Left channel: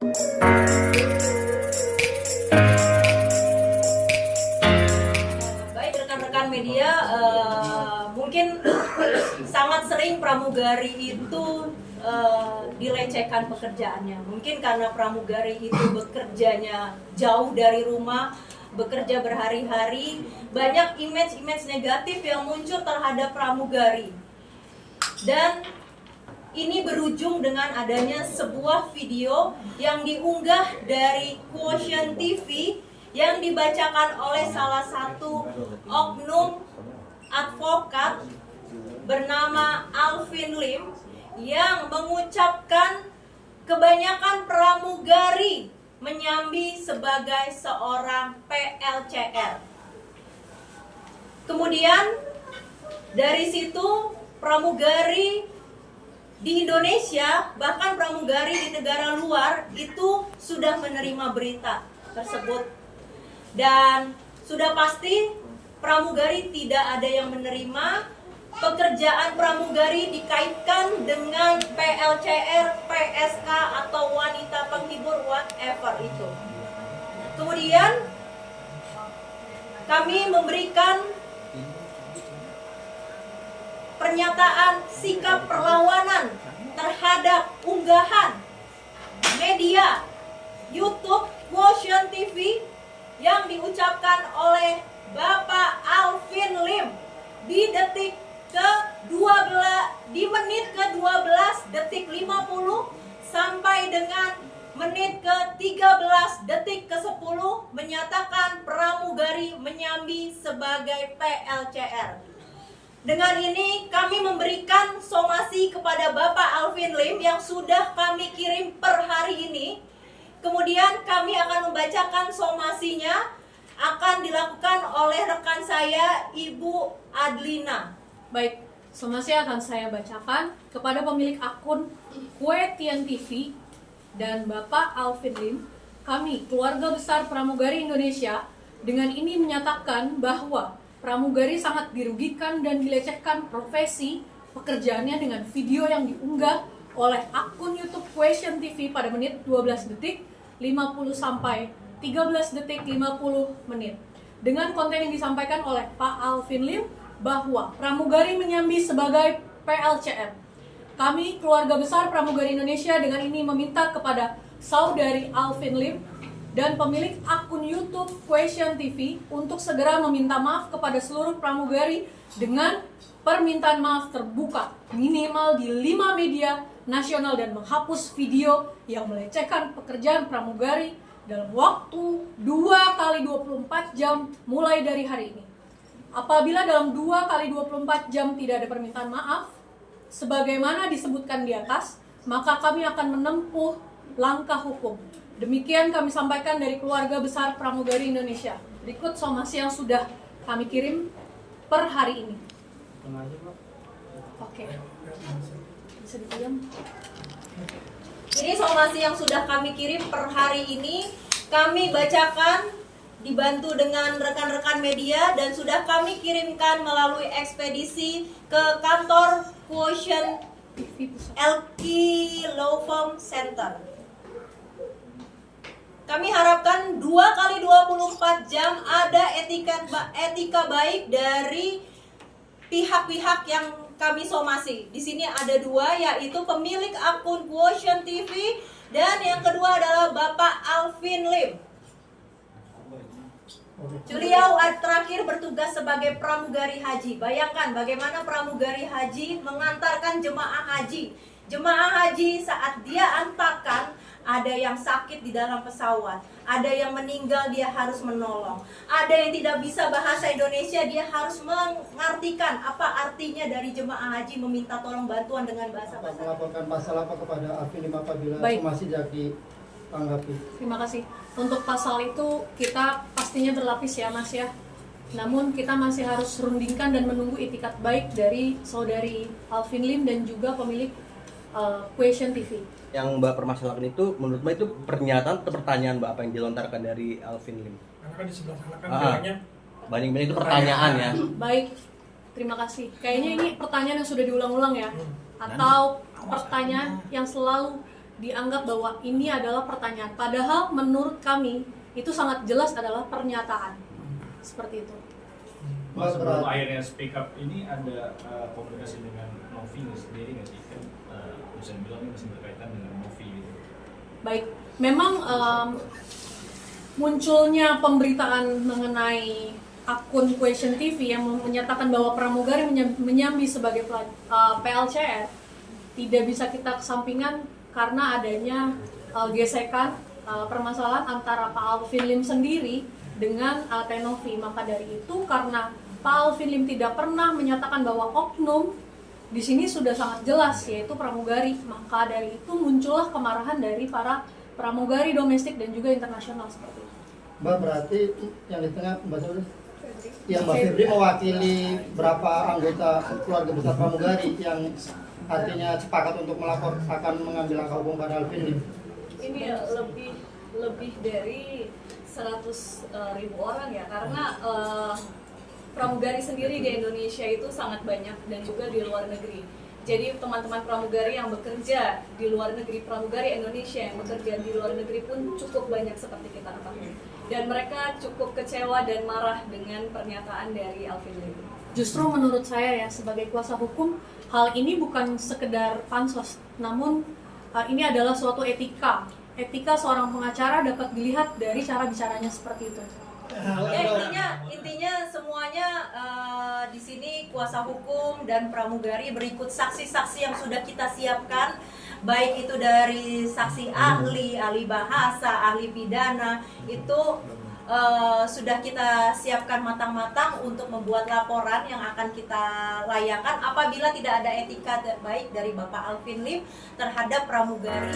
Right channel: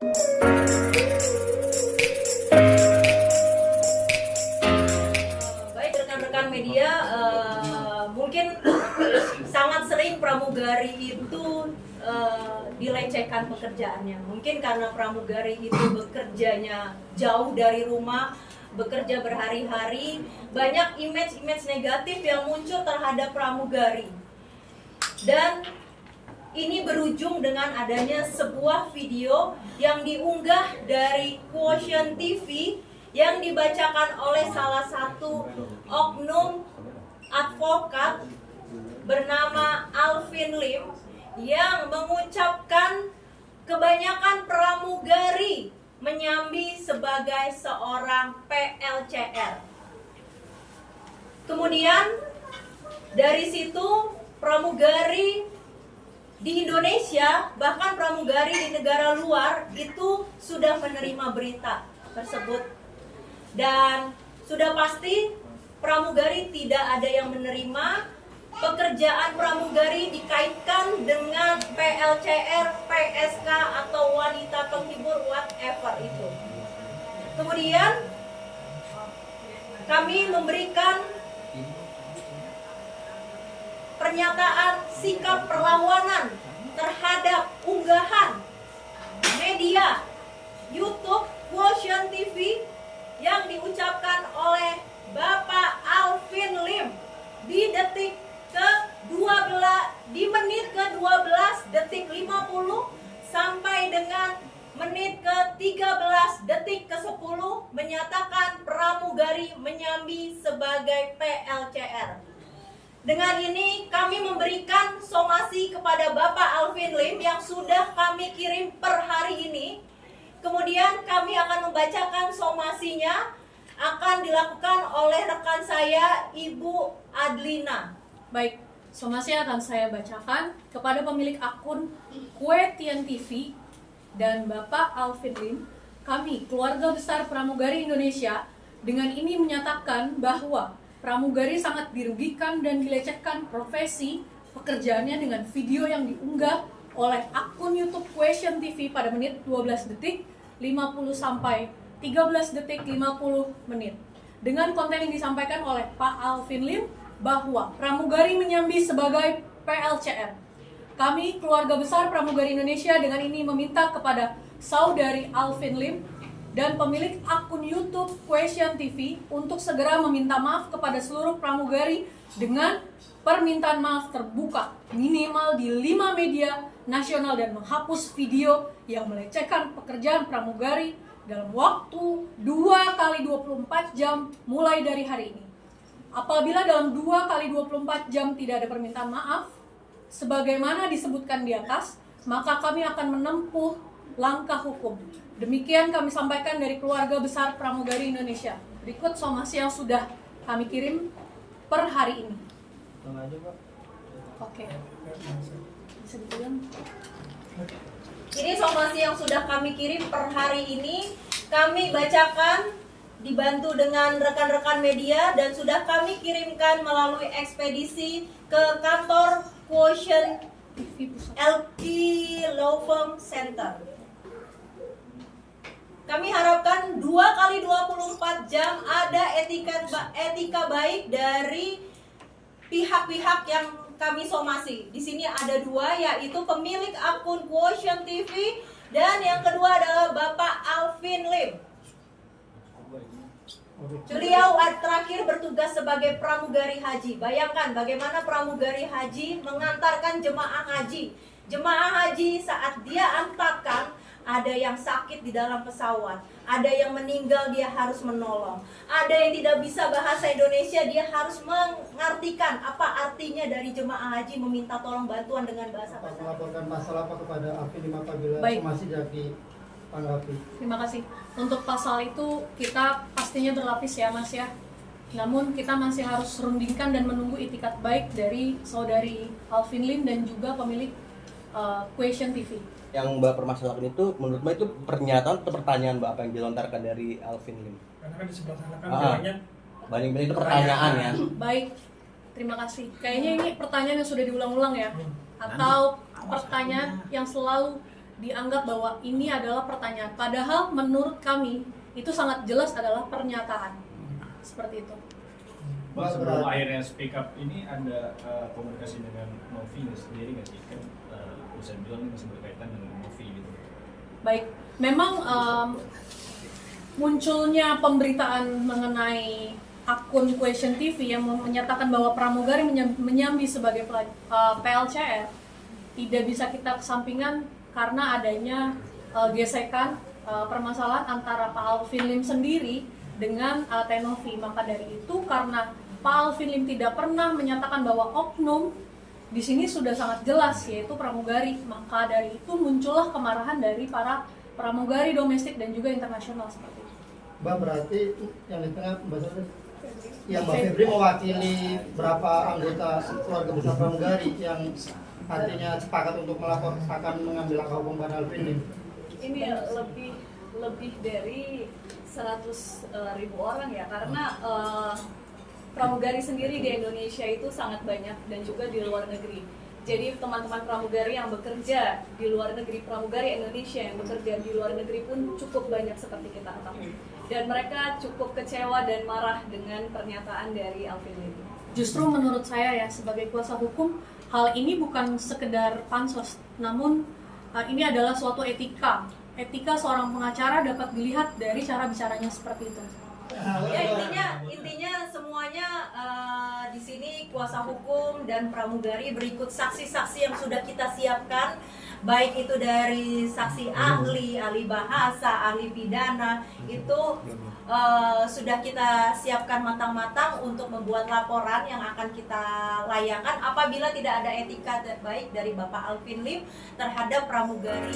Baik rekan-rekan media, mungkin sangat sering pramugari itu dilecehkan pekerjaannya. Mungkin karena pramugari itu bekerjanya jauh dari rumah, bekerja berhari-hari, banyak image-image negatif yang muncul terhadap pramugari. Dan ini berujung dengan adanya sebuah video yang diunggah dari Quotient TV yang dibacakan oleh salah satu oknum advokat bernama Alvin Lim yang mengucapkan kebanyakan pramugari menyambi sebagai seorang PLCR. Kemudian dari situ pramugari di Indonesia, bahkan pramugari di negara luar itu sudah menerima berita tersebut. Dan sudah pasti pramugari tidak ada yang menerima. Pekerjaan pramugari dikaitkan dengan PLCR, PSK atau wanita penghibur, whatever itu. Kemudian kami memberikan pernyataan sikap perlawanan terhadap unggahan media YouTube Quotient TV yang diucapkan oleh Bapak Alvin Lim di menit ke-12 detik 50 sampai dengan menit ke-13 detik ke-10 menyatakan pramugari menyambi sebagai PLCR. Dengan ini kami memberikan somasi kepada Bapak Alvin Lim yang sudah kami kirim per hari ini. Kemudian kami akan membacakan somasinya, akan dilakukan oleh rekan saya, Ibu Adlina. Baik, somasi akan saya bacakan kepada pemilik akun Quotient TV dan Bapak Alvin Lim. Kami, keluarga besar pramugari Indonesia, dengan ini menyatakan bahwa pramugari sangat dirugikan dan dilecehkan profesi pekerjaannya dengan video yang diunggah oleh akun YouTube Quotient TV pada menit 12 detik 50 sampai 13 detik 50 menit. Dengan konten yang disampaikan oleh Pak Alvin Lim bahwa pramugari menyambi sebagai PLCR. Kami, keluarga besar pramugari Indonesia, dengan ini meminta kepada saudari Alvin Lim dan pemilik akun YouTube Quotient TV untuk segera meminta maaf kepada seluruh pramugari dengan permintaan maaf terbuka minimal di 5 media nasional dan menghapus video yang melecehkan pekerjaan pramugari dalam waktu 2 kali 24 jam mulai dari hari ini. Apabila dalam 2 kali 24 jam tidak ada permintaan maaf sebagaimana disebutkan di atas, maka kami akan menempuh langkah hukum. Demikian kami sampaikan dari keluarga besar pramugari Indonesia. Berikut somasi yang sudah kami kirim per hari ini. Oke. Bisa dipegang. Ini somasi yang sudah kami kirim per hari ini, kami bacakan dibantu dengan rekan-rekan media dan sudah kami kirimkan melalui ekspedisi ke kantor Quotient LQ Law Firm Center. Kami harapkan 2 kali 24 jam ada etika baik dari pihak-pihak yang kami somasi. Di sini ada 2, yaitu pemilik akun Quotient TV dan yang kedua adalah Bapak Alvin Lim. Beliau terakhir bertugas sebagai pramugari haji. Bayangkan bagaimana pramugari haji mengantarkan jemaah haji. Jemaah haji saat dia antarkan, ada yang sakit di dalam pesawat, ada yang meninggal, dia harus menolong, ada yang tidak bisa bahasa Indonesia, dia harus mengartikan apa artinya dari jemaah haji meminta tolong bantuan dengan bahasa bahasa. Melaporkan pasal apa kepada Alvin Lim apabila masih jadi tanggapi? Terima kasih. Untuk pasal itu kita pastinya berlapis ya Mas ya. Namun kita masih harus rundingkan dan menunggu itikat baik dari saudari Alvin Lim dan juga pemilik Quotient TV. Yang Mbak permasalahkan itu menurut Mbak itu pernyataan atau pertanyaan Mbak apa yang dilontarkan dari Alvin Lim? Karena kan di sebelah sana kan banyak itu pertanyaan ya. Baik, terima kasih. Kayaknya ini pertanyaan yang sudah diulang-ulang ya, atau pertanyaan yang selalu dianggap bahwa ini adalah pertanyaan. Padahal menurut kami itu sangat jelas adalah pernyataan. Seperti itu. Mas, sebelum akhirnya speak up ini ada komunikasi dengan Novi sendiri nggak sih? Kan bisa bilang ini masih berkaitan dengan Novi gitu. Baik, memang munculnya pemberitaan mengenai akun Question TV yang menyatakan bahwa pramugari menyambi sebagai PLCR tidak bisa kita kesampingkan karena adanya gesekan permasalahan antara Pak Alvin Lim sendiri dengan Tenovi. Maka dari itu, karena Pak Alvin Lim tidak pernah menyatakan bahwa oknum di sini sudah sangat jelas yaitu pramugari, maka dari itu muncullah kemarahan dari para pramugari domestik dan juga internasional seperti itu. Mbak, berarti yang di tengah Mbak Suri, yang Mbak Febri mewakili berapa anggota keluarga besar pramugari yang artinya sepakat untuk melapor akan mengambil langkah hukum pada Alvin Lim? Ini lebih dari 100.000 orang ya, karena pramugari sendiri di Indonesia itu sangat banyak dan juga di luar negeri. Jadi teman-teman pramugari yang bekerja di luar negeri, pramugari Indonesia yang bekerja di luar negeri pun cukup banyak seperti kita ketahui. Dan mereka cukup kecewa dan marah dengan pernyataan dari Alvin Lim. Justru menurut saya ya, sebagai kuasa hukum, hal ini bukan sekedar pansos, namun ini adalah suatu etika. Etika seorang pengacara dapat dilihat dari cara bicaranya seperti itu. Ya, intinya semuanya di sini kuasa hukum dan pramugari berikut saksi-saksi yang sudah kita siapkan, baik itu dari saksi ahli bahasa, ahli pidana, itu sudah kita siapkan matang-matang untuk membuat laporan yang akan kita layangkan apabila tidak ada etika baik dari Bapak Alvin Lim terhadap pramugari.